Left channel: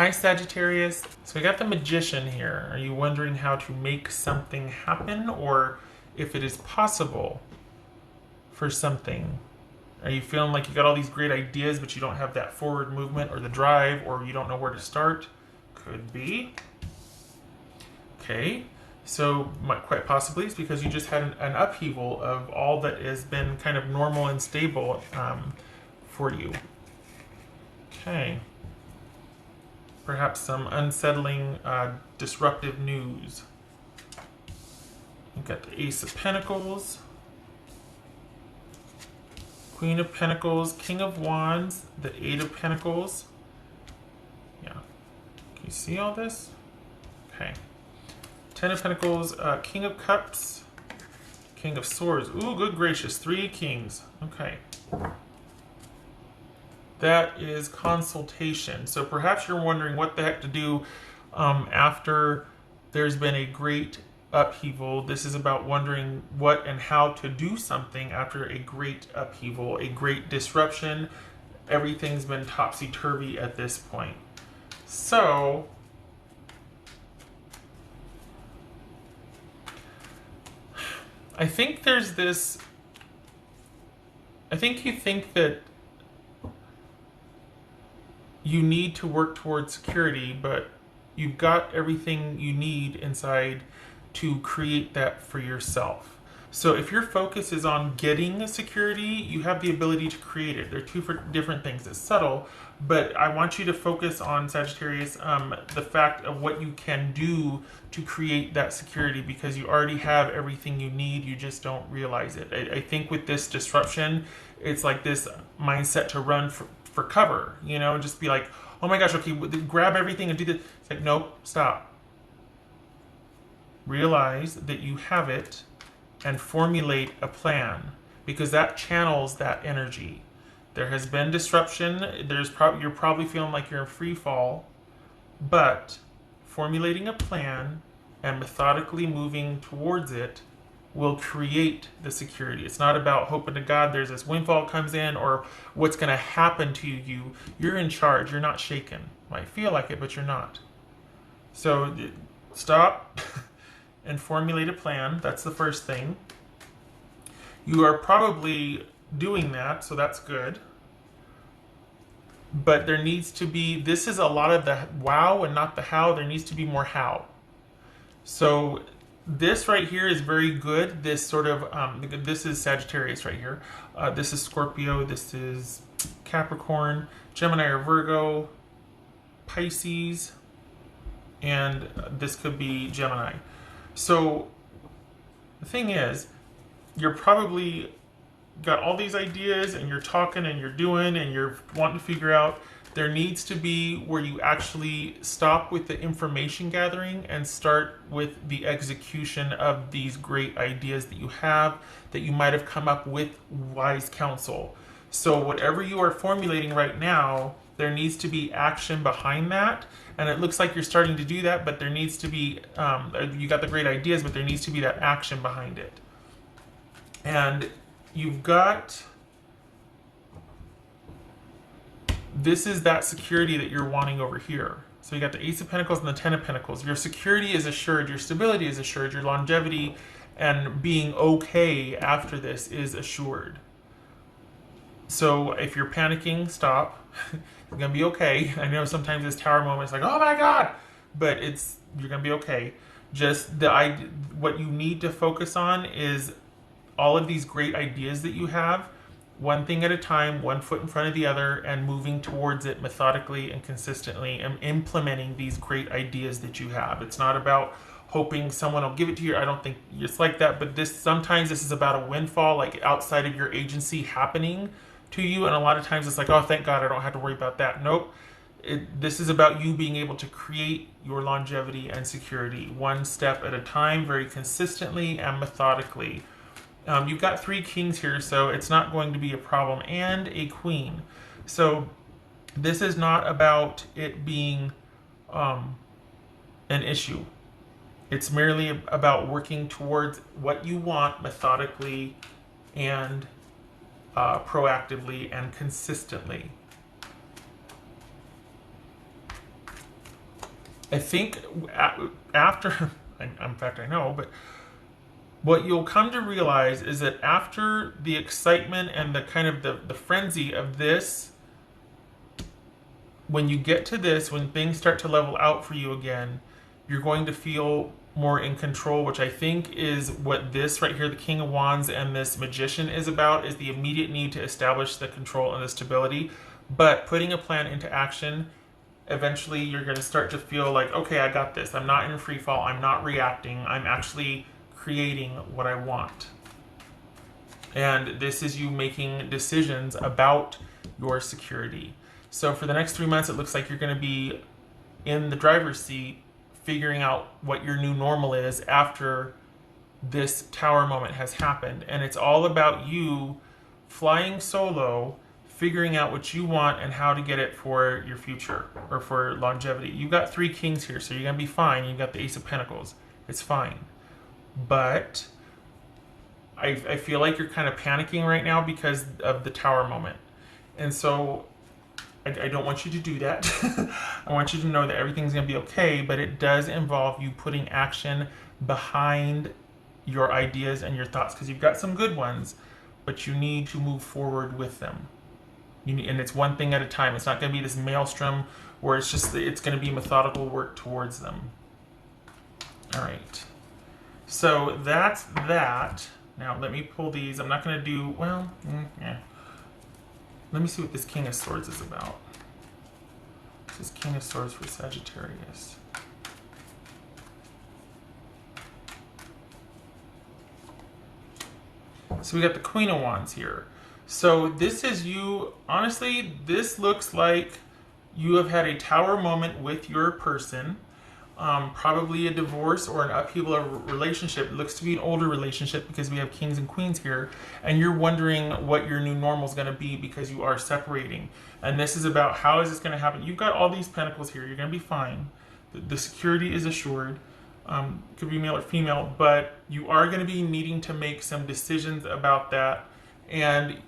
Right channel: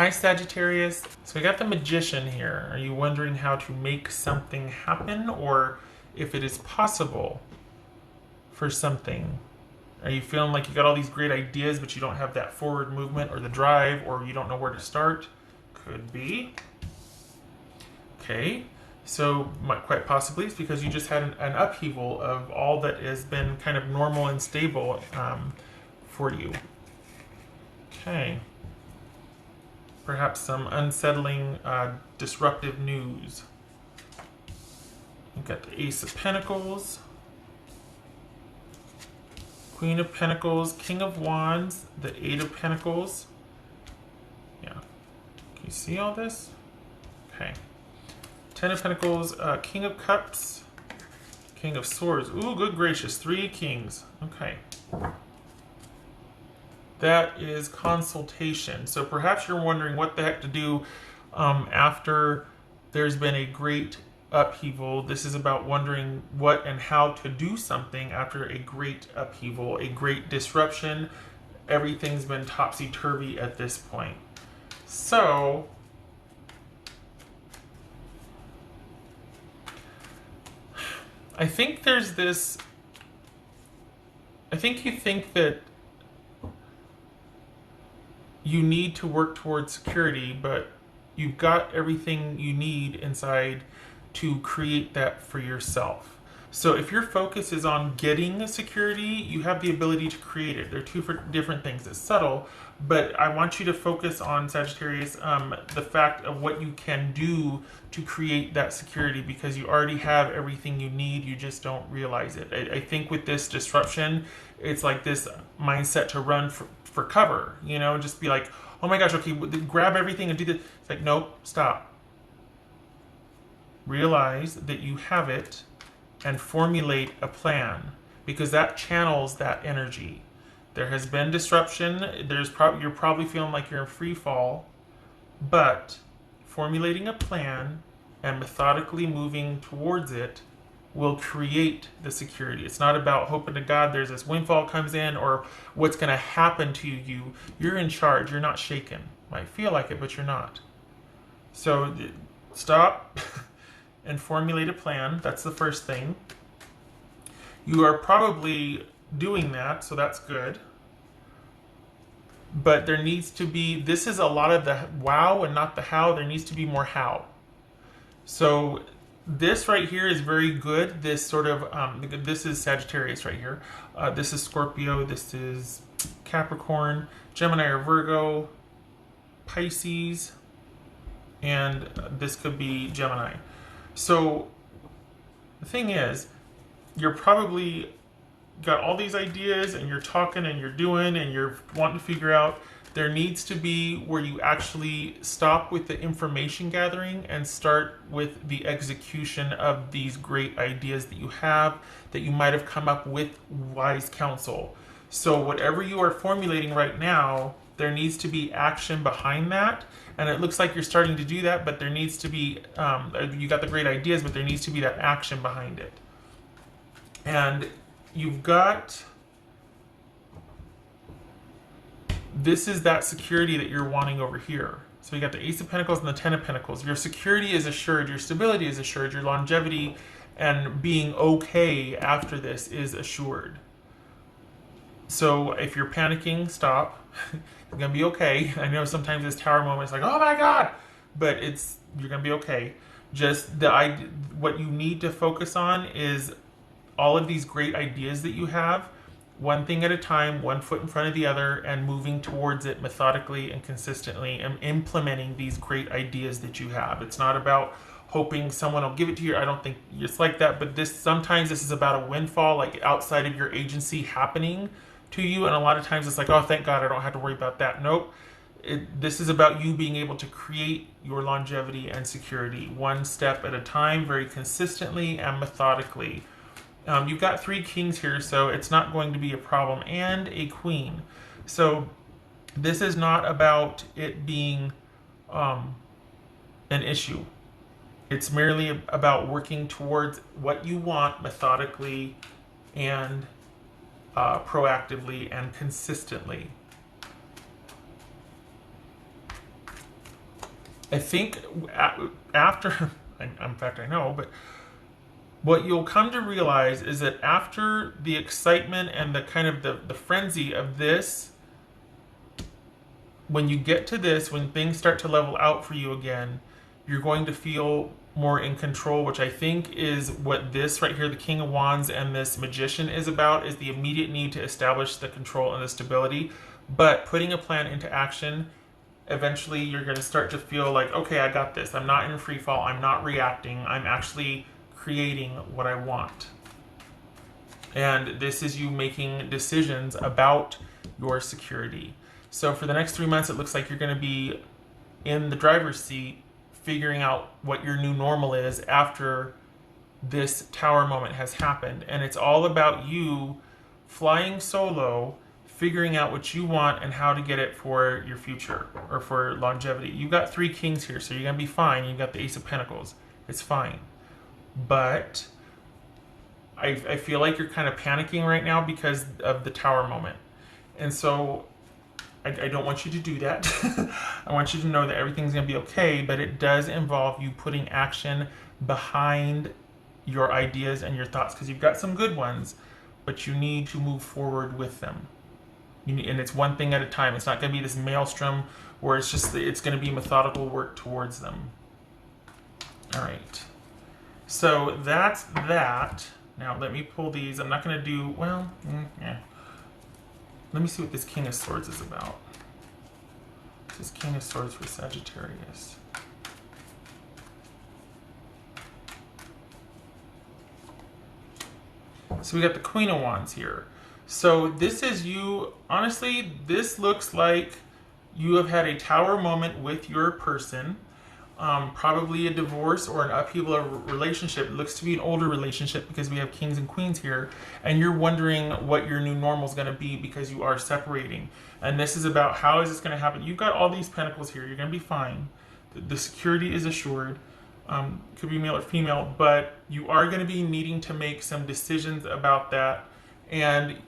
Hi Sagittarius. So we got the Magician here. Are you wondering how to make something happen or if it is possible for something? Are you feeling like you got all these great ideas but you don't have that forward movement or the drive or you don't know where to start? Could be. Okay. So quite possibly it's because you just had an upheaval of all that has been kind of normal and stable for you. Okay. Perhaps some unsettling, disruptive news. You've got the Ace of Pentacles, Queen of Pentacles, King of Wands, the Eight of Pentacles. Yeah. Can you see all this? Okay. Ten of Pentacles, King of Cups, King of Swords. Ooh, good gracious. 3 kings. Okay. That is consultation. So perhaps you're wondering what the heck to do after there's been a great upheaval. This is about wondering what and how to do something after a great upheaval, a great disruption. Everything's been topsy-turvy at this point. So I think there's this, I think you think that you need to work towards security, but you've got everything you need inside to create that for yourself. So if your focus is on getting the security, you have the ability to create it. They're two different things. It's subtle, but I want you to focus on, Sagittarius, the fact of what you can do to create that security because you already have everything you need. You just don't realize it. I think with this disruption, it's like this mindset to run for cover, you know, and just be like, oh my gosh, okay, grab everything and do this. It's like, nope, stop. Realize that you have it and formulate a plan because that channels that energy. There has been disruption. You're probably feeling like you're in free fall, but formulating a plan and methodically moving towards it will create the security. It's not about hoping to God there's this windfall comes in or what's going to happen to you. You're in charge. You're not shaken. Might feel like it, but you're not. So stop and formulate a plan. That's the first thing. You are probably doing that, so that's good. But there needs to be, this is a lot of the wow and not the how. There needs to be more how. So this right here is very good. This sort of, this is Sagittarius right here. This is Scorpio. This is Capricorn, Gemini or Virgo, Pisces, and this could be Gemini. So the thing is, you're probably got all these ideas and you're talking and you're doing and you're wanting to figure out. There needs to be where you actually stop with the information gathering and start with the execution of these great ideas that you have, that you might have come up with wise counsel. So whatever you are formulating right now, there needs to be action behind that. And it looks like you're starting to do that, but there needs to be, you got the great ideas, but there needs to be that action behind it. And you've got, this is that security that you're wanting over here. So you got the Ace of Pentacles and the Ten of Pentacles. Your security is assured, your stability is assured, your longevity and being okay after this is assured. So if you're panicking, stop. You're gonna be okay. I know sometimes this tower moment is like, oh my God, but you're gonna be okay. Just what you need to focus on is all of these great ideas that you have, one thing at a time, one foot in front of the other, and moving towards it methodically and consistently and implementing these great ideas that you have. It's not about hoping someone will give it to you. I don't think it's like that, but sometimes this is about a windfall, like outside of your agency happening to you. And a lot of times it's like, oh, thank God I don't have to worry about that. Nope. This is about you being able to create your longevity and security one step at a time, very consistently and methodically. You've got 3 kings here, so it's not going to be a problem, and a queen. So this is not about it being an issue. It's merely about working towards what you want methodically and proactively and consistently. I think after, in fact, I know, but what you'll come to realize is that after the excitement and the kind of the frenzy of this, when you get to this, when things start to level out for you again, you're going to feel more in control, which I think is what this right here, the King of Wands and this Magician is about, is the immediate need to establish the control and the stability. But putting a plan into action, eventually you're going to start to feel like, okay, I got this. I'm not in free fall. I'm not reacting. I'm actually creating what I want. And this is you making decisions about your security. So for the next 3 months, it looks like you're going to be in the driver's seat, figuring out what your new normal is after this tower moment has happened. And it's all about you flying solo, figuring out what you want and how to get it for your future or for longevity. You've got 3 kings here, so you're going to be fine. You've got the Ace of Pentacles. It's fine. But I feel like you're kind of panicking right now because of the tower moment. And so I don't want you to do that. I want you to know that everything's going to be okay, but it does involve you putting action behind your ideas and your thoughts, because you've got some good ones, but you need to move forward with them. And it's one thing at a time. It's not going to be this maelstrom where it's going to be methodical work towards them. All right. So that's that. Now let me pull these. I'm not going to do, well, let me see what this King of Swords is about. This King of Swords for Sagittarius. So we got the Queen of Wands here. So this is you, honestly, this looks like you have had a tower moment with your person. Probably a divorce or an upheaval of a relationship. It looks to be an older relationship because we have kings and queens here, and you're wondering what your new normal is going to be because you are separating. And this is about how is this going to happen. You've got all these pentacles here. You're going to be fine. The security is assured. Could be male or female, but you are going to be needing to make some decisions about that, and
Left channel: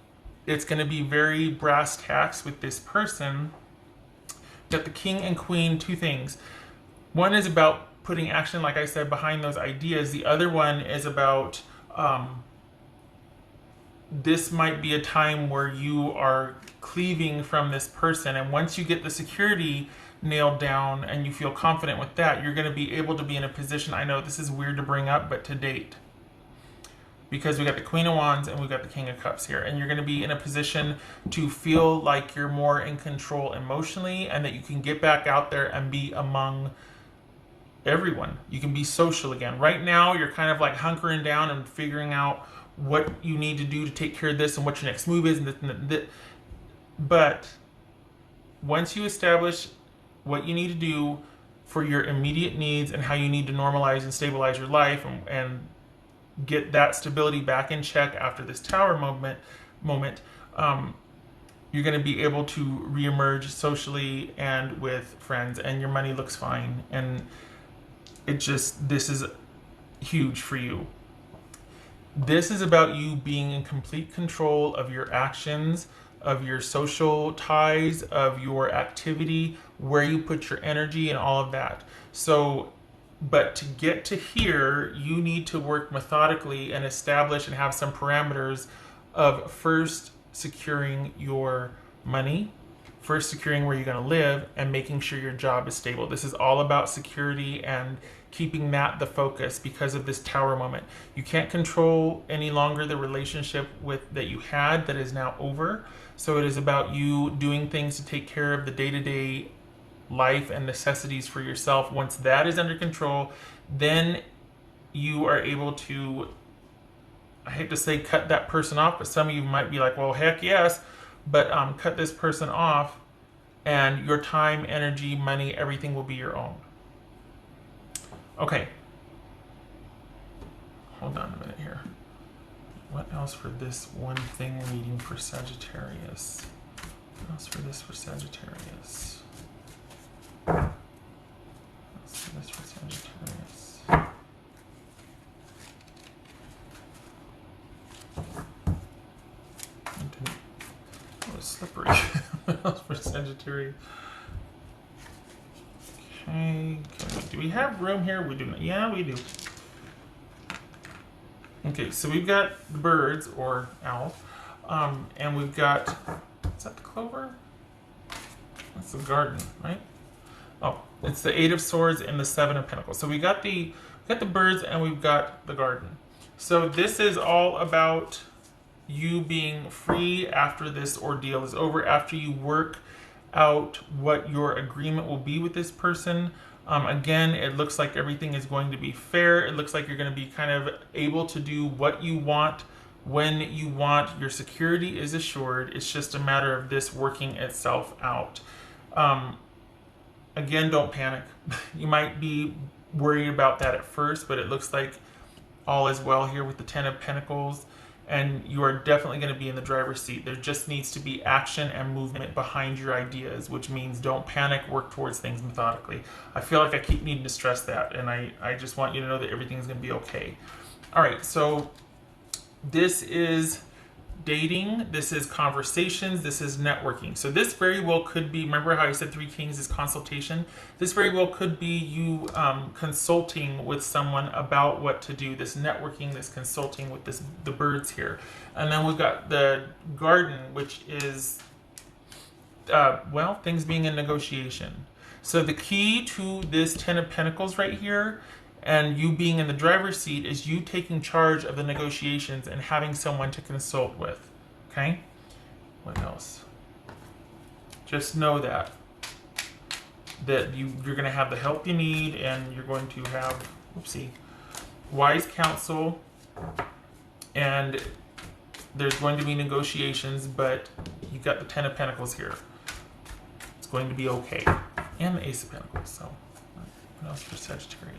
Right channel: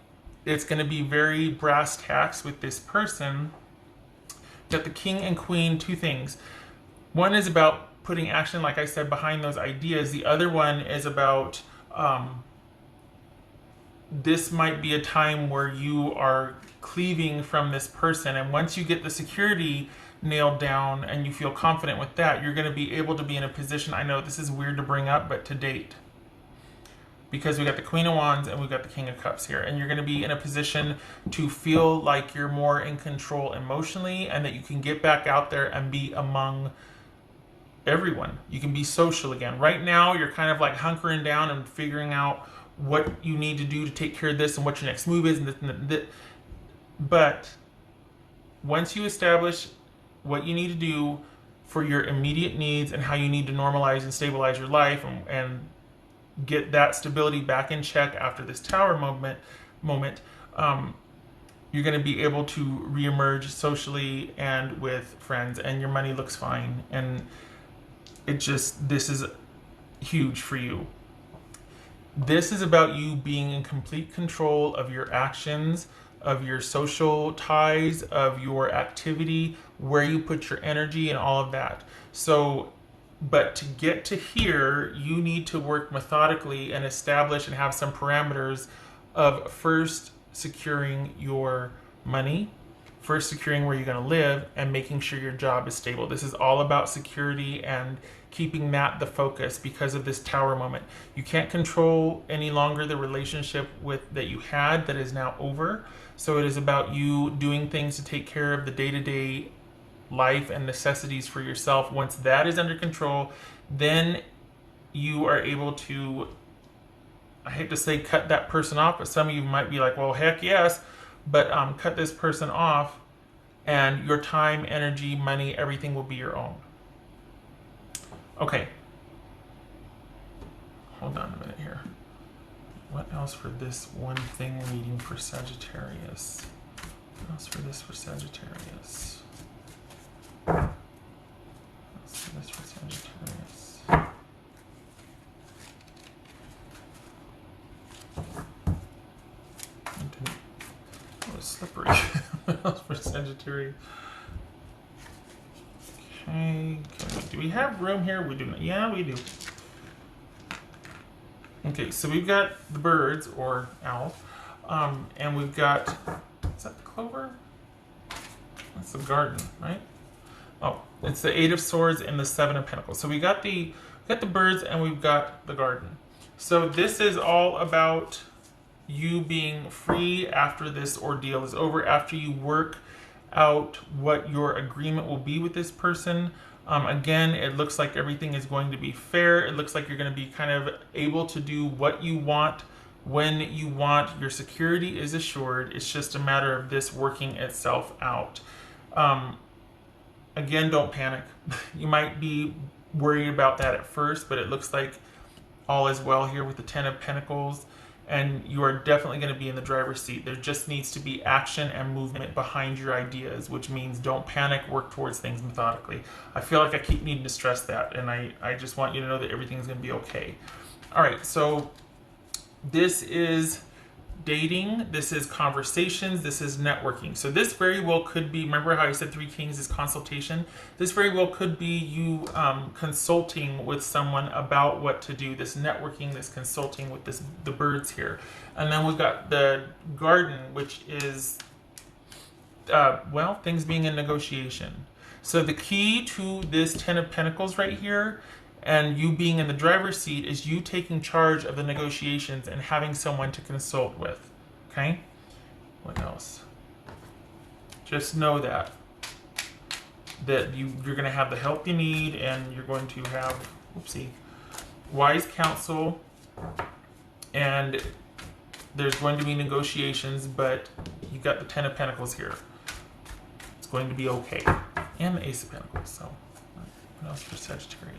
it's going to be very brass tacks with this person. But the king and queen, 2 things. One is about putting action, like I said, behind those ideas. The other one is about this might be a time where you are cleaving from this person. And once you get the security nailed down and you feel confident with that, you're going to be able to be in a position, I know this is weird to bring up, but to date. Because we got the Queen of Wands and we got the King of Cups here. And you're going to be in a position to feel like you're more in control emotionally and that you can get back out there and be among everyone. You can be social again. Right now, you're kind of like hunkering down and figuring out what you need to do to take care of this and what your next move is. But once you establish what you need to do for your immediate needs and how you need to normalize and stabilize your life and get that stability back in check after this tower moment, you're going to be able to reemerge socially and with friends, and your money looks fine. And this is huge for you. This is about you being in complete control of your actions, of your social ties, of your activity, where you put your energy and all of that. So, but to get to here, you need to work methodically and establish and have some parameters of first securing your money, first securing where you're going to live, and making sure your job is stable. This is all about security and keeping that the focus because of this tower moment. You can't control any longer the relationship that you had that is now over. So it is about you doing things to take care of the day-to-day life and necessities for yourself. Once that is under control, then you are able to, I hate to say cut that person off, but some of you might be like, well, heck yes, but cut this person off, and your time, energy, money, everything will be your own. Okay. Hold on a minute here. What else for this one thing reading for Sagittarius? What else for this for Sagittarius? Let's see this for Sagittarius. Oh, it's slippery. What else for Sagittarius? Okay, do we have room here? We do not. Yeah, we do. Okay, so we've got the birds, or owl, and we've got, is that the clover? It's the garden, right? Oh, it's the Eight of Swords and the Seven of Pentacles. So we got the birds and we've got the garden. So this is all about you being free after this ordeal is over, after you work out what your agreement will be with this person. Again, it looks like everything is going to be fair. It looks like you're going to be kind of able to do what you want when you want. Your security is assured. It's just a matter of this working itself out. Again, don't panic. You might be worried about that at first, but it looks like all is well here with the Ten of Pentacles, and you are definitely going to be in the driver's seat. There just needs to be action and movement behind your ideas, which means don't panic, work towards things methodically. I feel like I keep needing to stress that, and I just want you to know that everything's going to be okay. All right, so this is dating, this is conversations, this is networking. So this very well could be, remember how I said Three Kings is consultation? This very well could be you consulting with someone about what to do, this networking, this consulting with the birds here. And then we've got the garden, which is, well, things being in negotiation. So the key to this Ten of Pentacles right here, and you being in the driver's seat, is you taking charge of the negotiations and having someone to consult with. Okay? What else? Just know that you're going to have the help you need, and you're going to have, wise counsel, and there's going to be negotiations, but you've got the Ten of Pentacles here. It's going to be okay. And the Ace of Pentacles, so what else for Sagittarius?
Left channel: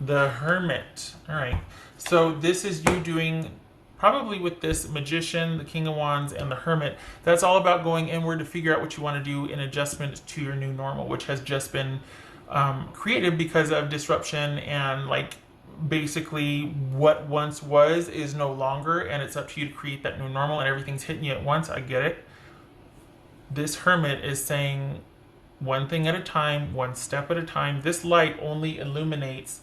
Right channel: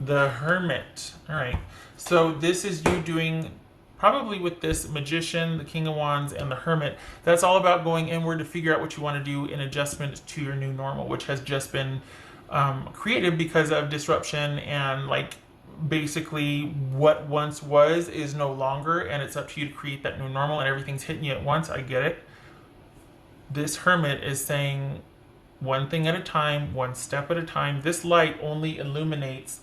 The Hermit. All right. So this is you doing, probably with this Magician, the King of Wands, and the Hermit. That's all about going inward to figure out what you want to do in adjustment to your new normal, which has just been created because of disruption, and like basically what once was is no longer, and it's up to you to create that new normal, and everything's hitting you at once. I get it. This Hermit is saying one thing at a time, one step at a time. This light only illuminates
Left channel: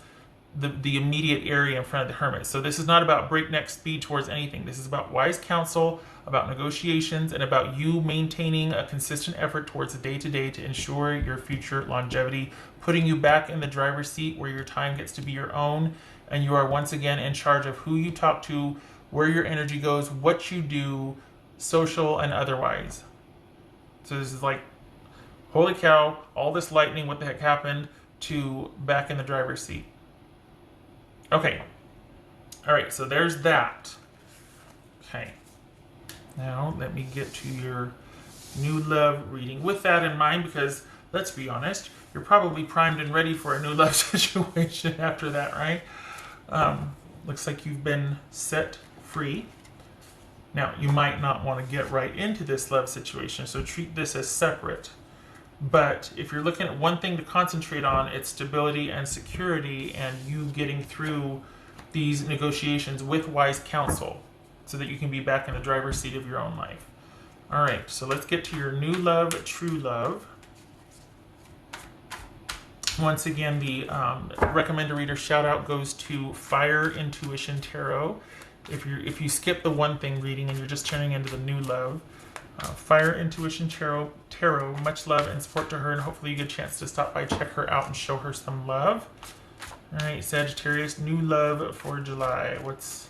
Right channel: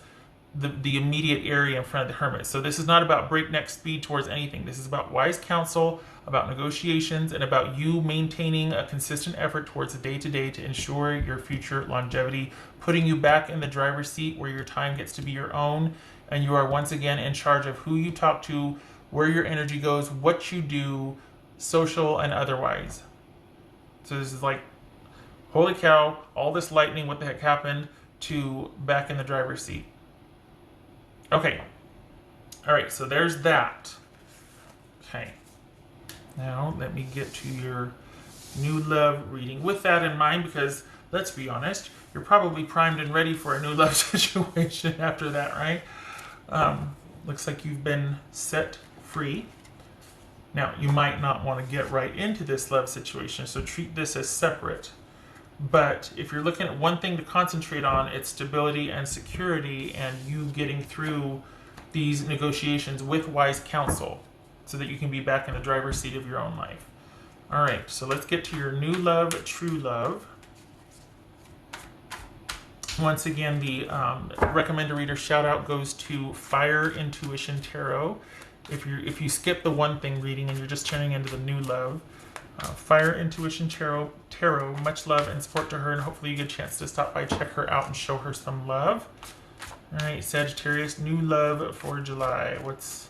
the immediate area in front of the Hermit. So this is not about breakneck speed towards anything. This is about wise counsel, about negotiations, and about you maintaining a consistent effort towards the day-to-day to ensure your future longevity, putting you back in the driver's seat where your time gets to be your own, and you are once again in charge of who you talk to, where your energy goes, what you do, social and otherwise. So this is like, holy cow, all this lightning, what the heck happened, to back in the driver's seat. Okay. All right, so there's that. Okay. Now, let me get to your new love reading. With that in mind, because let's be honest, you're probably primed and ready for a new love situation after that, right? Looks like you've been set free. Now, you might not want to get right into this love situation, so treat this as separate. But if you're looking at one thing to concentrate on, it's stability and security, and you getting through these negotiations with wise counsel so that you can be back in the driver's seat of your own life. All right, so let's get to your new love, true love. Once again, the recommend a reader shout out goes to Fire Intuition Tarot. If you skip the one thing reading and you're just turning into the new love, Fire Intuition Tarot, much love and support to her, and hopefully you get a chance to stop by, check her out, and show her some love. All right, Sagittarius, new love for July. What's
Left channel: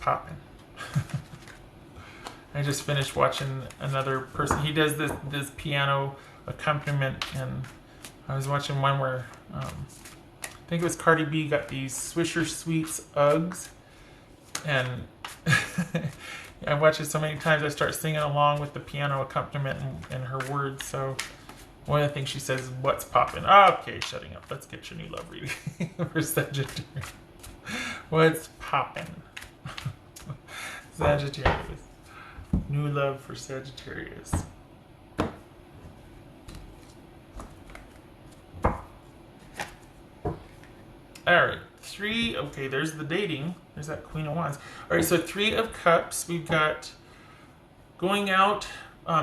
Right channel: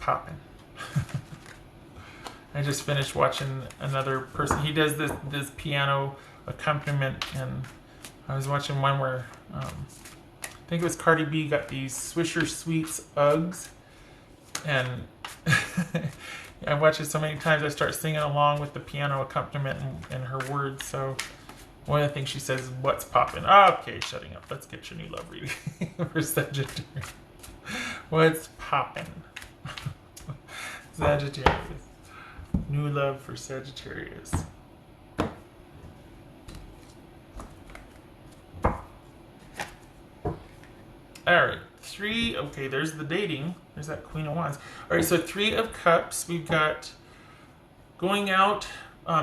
popping? I just finished watching another person. He does this piano accompaniment, and I was watching one where I think it was Cardi B got these Swisher Sweets Uggs, and I watch it so many times I start singing along with the piano accompaniment and her words. So one of the things she says is, "What's poppin'?" Okay, shutting up. Let's get your new love reading for Sagittarius. What's poppin'? Sagittarius. New love for Sagittarius. All right. Okay, there's the dating. There's that Queen of Wands. All right, so Three of Cups. We've got going out,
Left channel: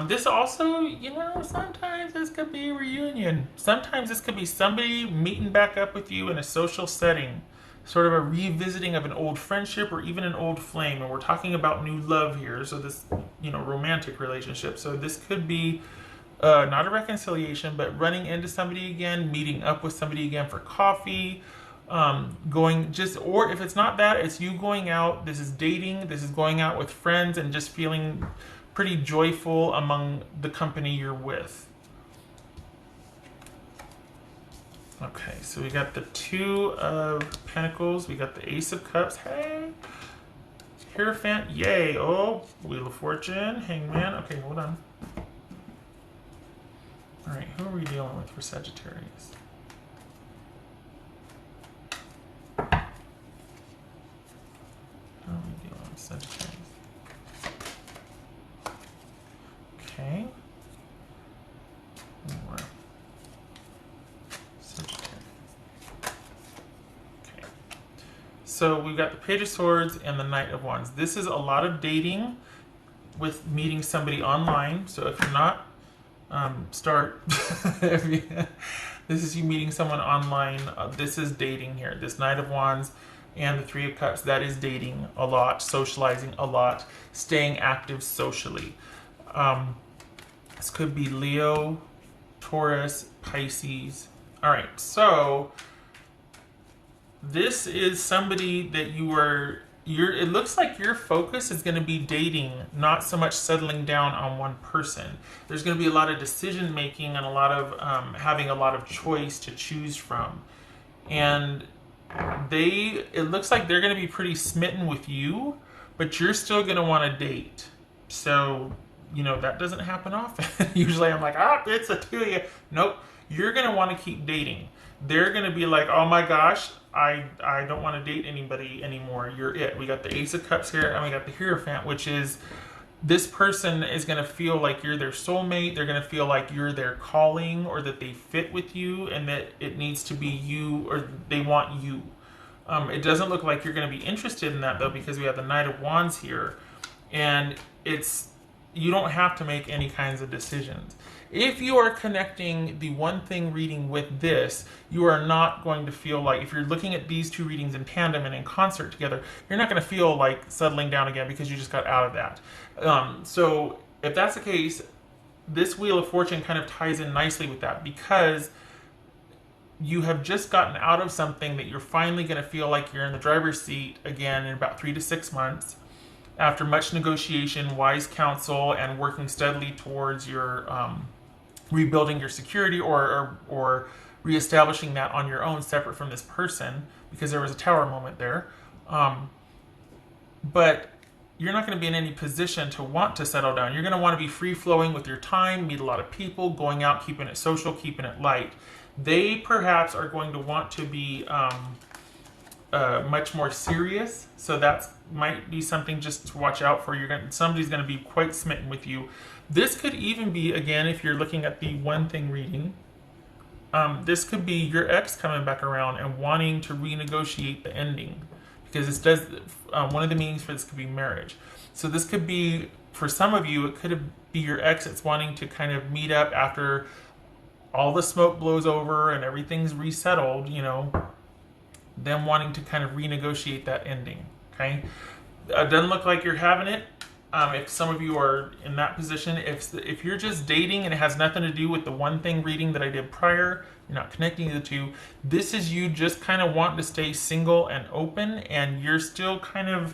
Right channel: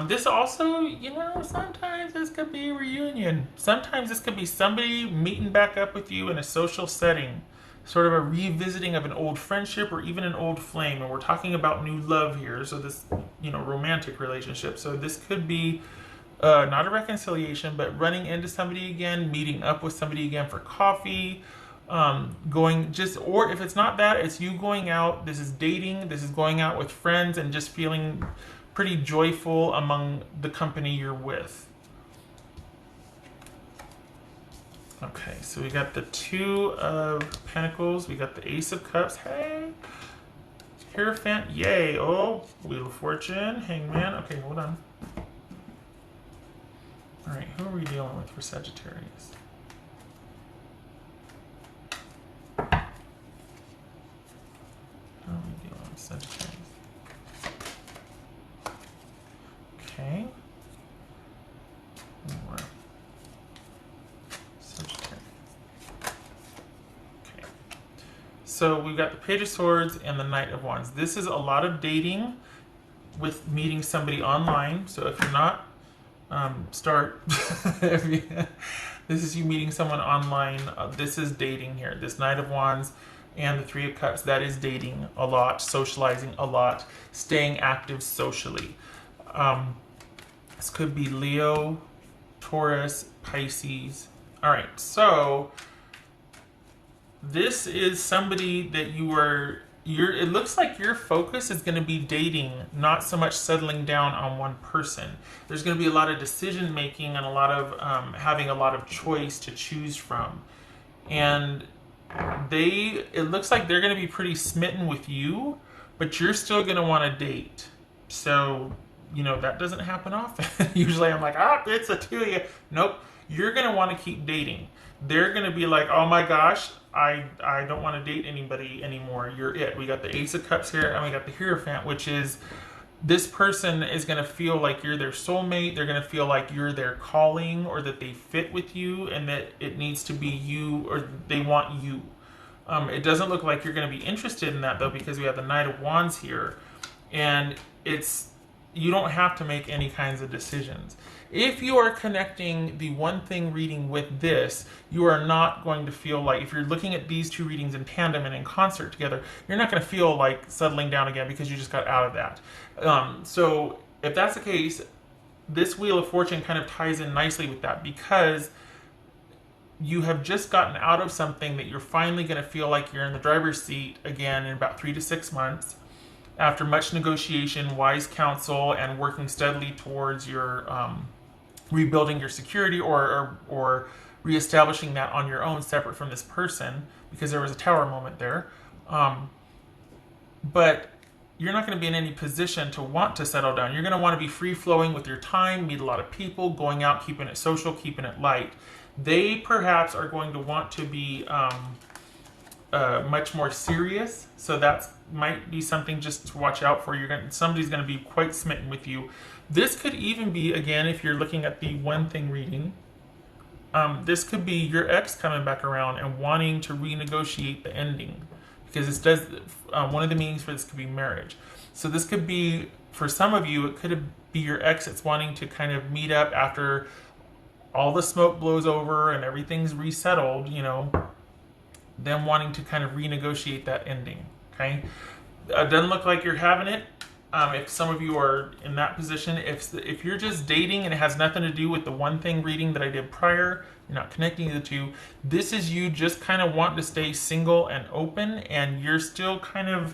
This also, you know, sometimes this could be a reunion. Sometimes this could be somebody meeting back up with you in a social setting, sort of a revisiting of an old friendship or even an old flame. And we're talking about new love here, so this, you know, romantic relationship. So this could be not a reconciliation, but running into somebody again, meeting up with somebody again for coffee, going just, or if it's not that, it's you going out. This is dating. This is going out with friends and just feeling pretty joyful among the company you're with. Okay, so we got the Two of Pentacles. We got the Ace of Cups. Hey, Hierophant. Yay. Oh, Wheel of Fortune. Hangman. Okay, hold on. All right, who are we dealing with for Sagittarius? How are we dealing with Sagittarius? Okay. Okay. So we've got the Page of Swords and the Knight of Wands. This is a lot of dating with meeting somebody online. So if you're not, start. This is you meeting someone online. This is dating here. This Knight of Wands and the Three of Cups, that is dating a lot, socializing a lot, staying active socially. This could be Leo, Taurus, Pisces. All right, so this is somebody that it looks like your focus is going to be dating, not so much settling down on one person. There's going to be a lot of decision making and a lot of having a lot of choice to choose from. And it looks like they're going to be pretty smitten with you, but you're still going to want to date. So, you know, that doesn't happen often. Usually I'm like, it's a two. Nope. You're going to want to keep dating. They're going to be like, oh my gosh, I don't want to date anybody anymore. You're it. We got the Ace of Cups here, and we got the Hierophant, which is this person is going to feel like you're their soulmate. They're going to feel like you're their calling, or that they fit with you, and that it needs to be you, or they want you. It doesn't look like you're going to be interested in that, though, because we have the Knight of Wands here, and you don't have to make any kinds of decisions. If you are connecting the one thing reading with this, you are not going to feel like, if you're looking at these two readings in tandem and in concert together, you're not going to feel like settling down again because you just got out of that. So if that's the case, this Wheel of Fortune kind of ties in nicely with that, because you have just gotten out of something that you're finally going to feel like you're in the driver's seat again in about 3 to 6 months. After much negotiation, wise counsel, and working steadily towards your rebuilding your security or reestablishing that on your own, separate from this person, because there was a Tower moment there. But you're not going to be in any position to want to settle down. You're going to want to be free-flowing with your time, meet a lot of people, going out, keeping it social, keeping it light. They perhaps are going to want to be much more serious, so that might be something just to watch out for. Somebody's going to be quite smitten with you. This could even be, again, if you're looking at the one thing reading, this could be your ex coming back around and wanting to renegotiate the ending, because this does one of the meanings for this could be marriage. So this could be, for some of you, it could be your ex that's wanting to kind of meet up after all the smoke blows over and everything's resettled, you know, them wanting to kind of renegotiate that ending. Okay, it doesn't look like you're having it. If some of you are in that position, if you're just dating and it has nothing to do with the one thing reading that I did prior, you're not connecting the two, this is you just kind of want to stay single and open, and you're still kind of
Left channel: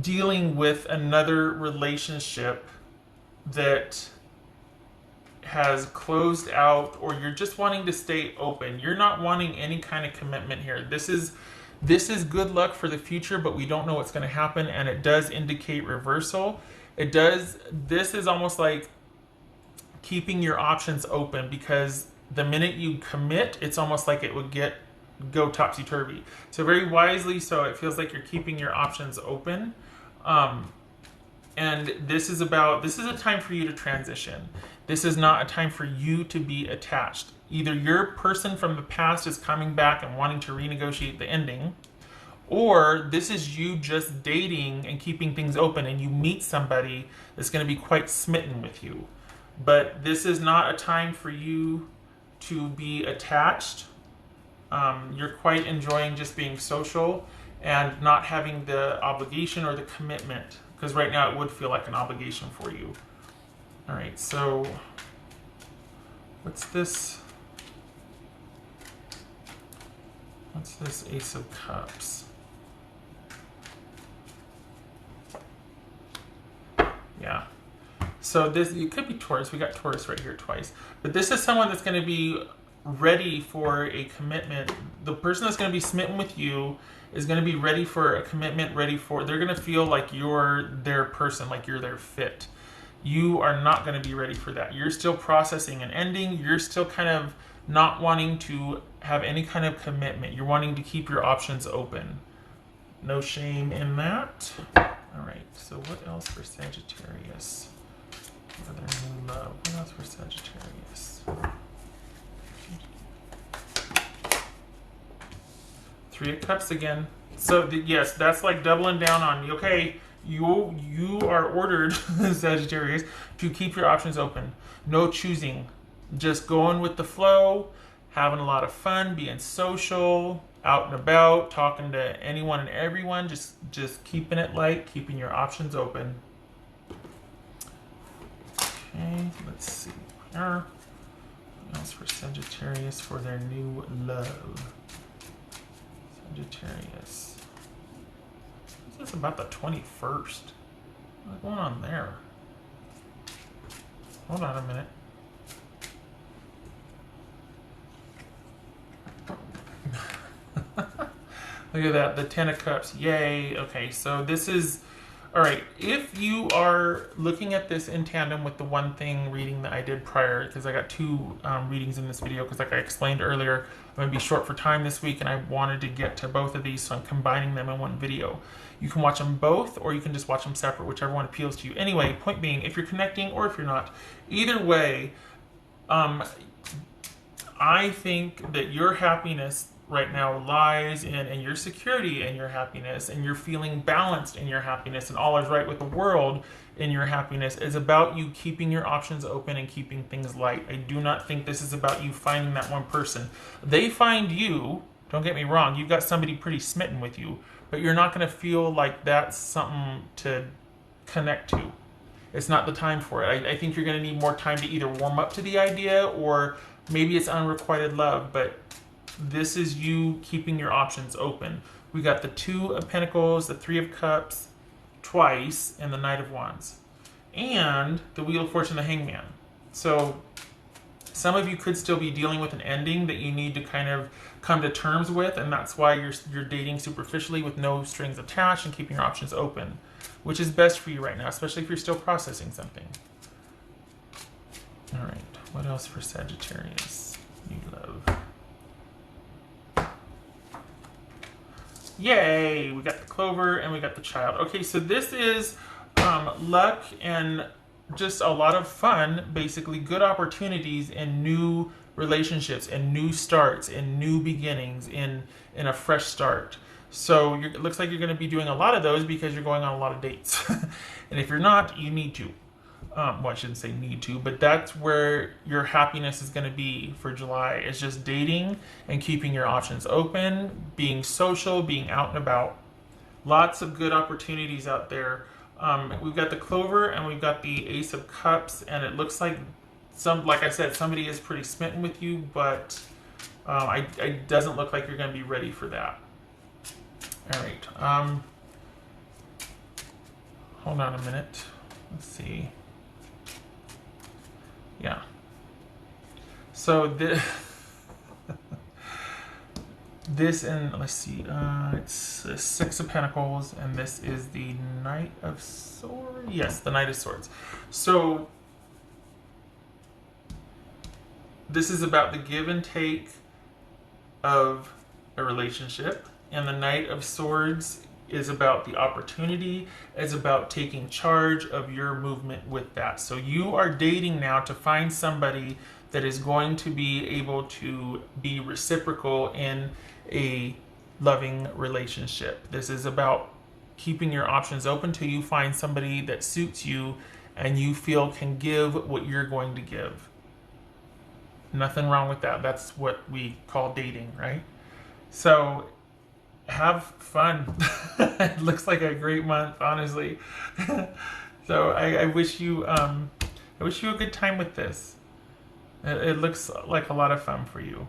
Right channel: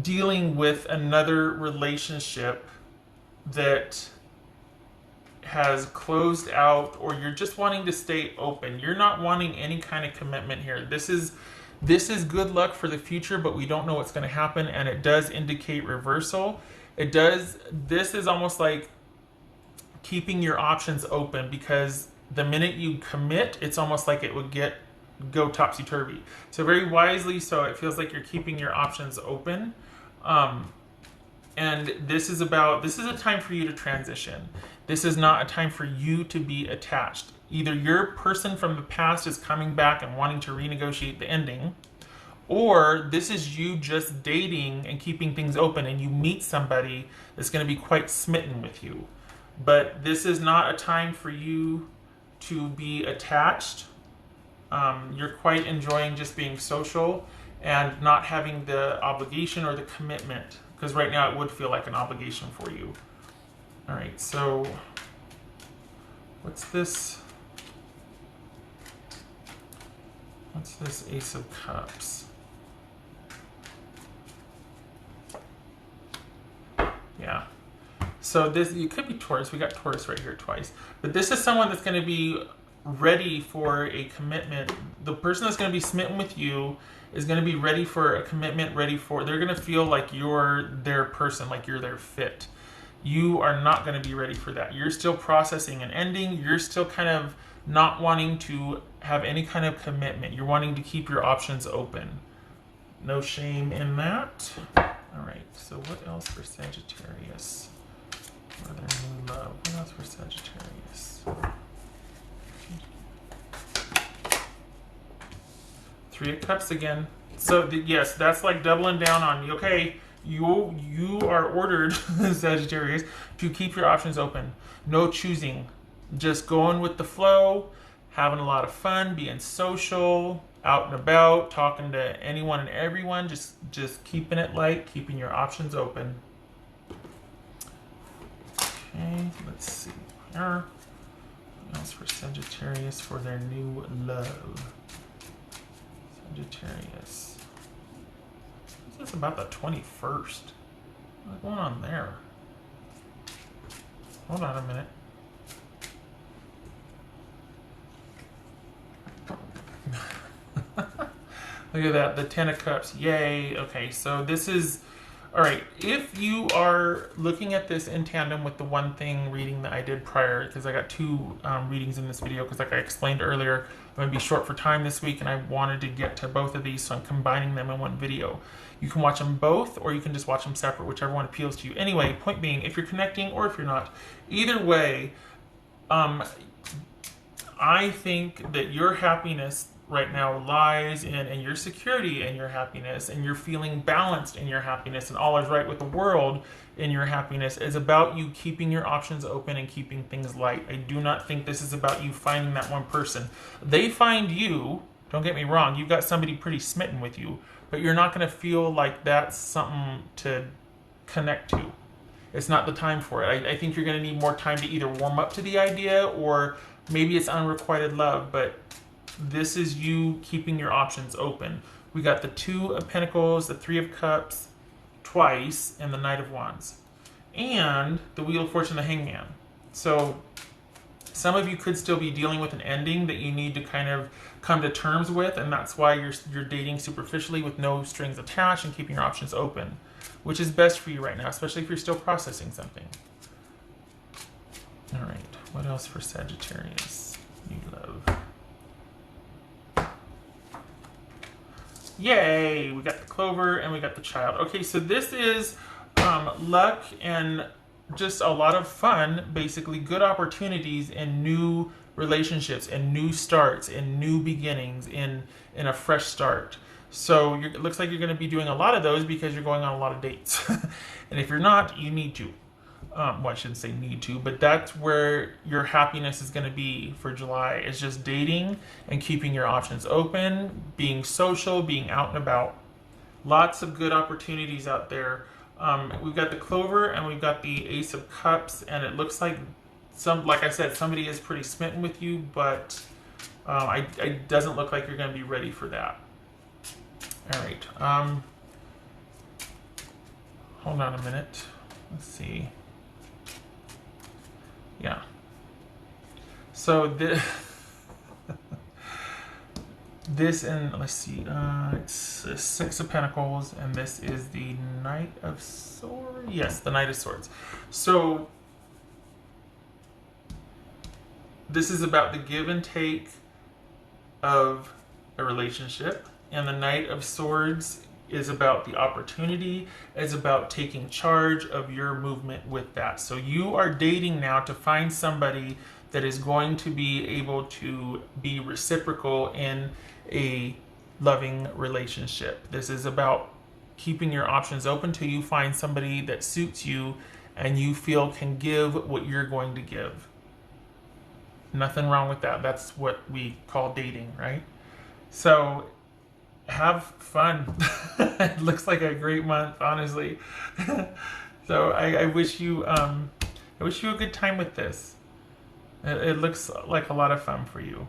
dealing with another relationship that has closed out, or you're just wanting to stay open. You're not wanting any kind of commitment here. This is good luck for the future, but we don't know what's going to happen, and it does indicate reversal. This is almost like keeping your options open, because the minute you commit, it's almost like it would go topsy-turvy. So very wisely, so it feels like you're keeping your options open. And this is a time for you to transition. This is not a time for you to be attached. Either your person from the past is coming back and wanting to renegotiate the ending, Or this is you just dating and keeping things open, and you meet somebody that's going to be quite smitten with you. But this is not a time for you to be attached. You're quite enjoying just being social and not having the obligation or the commitment, because right now it would feel like an obligation for you. All right, so what's this? What's this Ace of Cups? Yeah. So this, you could be Taurus. We got Taurus right here twice. But this is someone that's going to be ready for a commitment. The person that's going to be smitten with you is going to be ready for a commitment, they're going to feel like you're their person, like you're their fit. You are not going to be ready for that. You're still processing an ending. You're still kind of not wanting to have any kind of commitment. You're wanting to keep your options open. No shame in that. All right, so what else for Sagittarius? What else for Sagittarius? Three of Cups again. So yes, that's like doubling down on you. Okay, you are ordered, Sagittarius, to keep your options open. No choosing, just going with the flow, having a lot of fun, being social, out and about, talking to anyone and everyone, just keeping it light, keeping your options open. Okay, let's see here. What else for Sagittarius for their new love? Sagittarius. This is about the 21st. What's going on there? Hold on a minute. Look at that, the Ten of Cups. Yay. Okay, so this is... All right, if you are looking at this in tandem with the one thing reading that I did prior, because I got two readings in this video, because like I explained earlier, I'm going to be short for time this week, and I wanted to get to both of these, so I'm combining them in one video. You can watch them both, or you can just watch them separate, whichever one appeals to you. Anyway, point being, if you're connecting or if you're not, either way, I think that your happiness right now lies in your security and your happiness, and you're feeling balanced in your happiness, and all is right with the world in your happiness. It's about you keeping your options open and keeping things light. I do not think this is about you finding that one person. They find you, don't get me wrong, you've got somebody pretty smitten with you, but you're not going to feel like that's something to connect to you. It's not the time for it. I think you're going to need more time to either warm up to the idea, or maybe it's unrequited love, but this is you keeping your options open. We got the Two of Pentacles, the Three of Cups twice, and the Knight of Wands. And the Wheel of Fortune and the Hangman. So some of you could still be dealing with an ending that you need to kind of come to terms with, and that's why you're dating superficially with no strings attached and keeping your options open, which is best for you right now, especially if you're still processing something. All right, what else for Sagittarius? New love. Yay! We got the Clover and we got the Child. Okay, so this is luck and just a lot of fun, basically good opportunities in new relationships and new starts and new beginnings in a fresh start. So it looks like you're going to be doing a lot of those because you're going on a lot of dates. And if you're not, you need to. Well, I shouldn't say need to, but that's where your happiness is going to be for July. It's just dating and keeping your options open, being social, being out and about. Lots of good opportunities out there. We've got the Clover and we've got the Ace of Cups, and it looks like like I said, somebody is pretty smitten with you, but it doesn't look like you're going to be ready for that. All right. Hold on a minute. Let's see. Yeah. So this and let's see, it's the Six of Pentacles, and this is the Knight of Swords. Yes, the Knight of Swords. So this is about the give and take of a relationship, and the Knight of Swords is about the opportunity, is about taking charge of your movement with that. So you are dating now to find somebody that is going to be able to be reciprocal in a loving relationship. This is about keeping your options open till you find somebody that suits you and you feel can give what you're going to give. Nothing wrong with that. That's what we call dating, right? So have fun. It looks like a great month, honestly. So I wish you a good time with this. It looks like a lot of fun for you.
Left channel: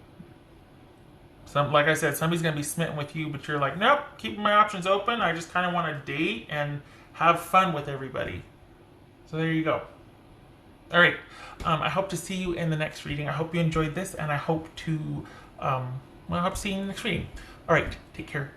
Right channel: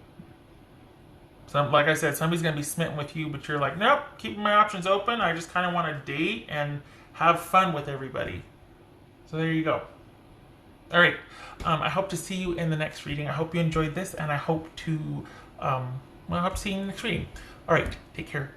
So, like I said, somebody's gonna be smitten with you, but you're like, nope, keeping my options open. I just kind of want to date and have fun with everybody. So there you go. All right. I hope to see you in the next reading. I hope you enjoyed this, and I hope to see you in the next reading. All right. Take care.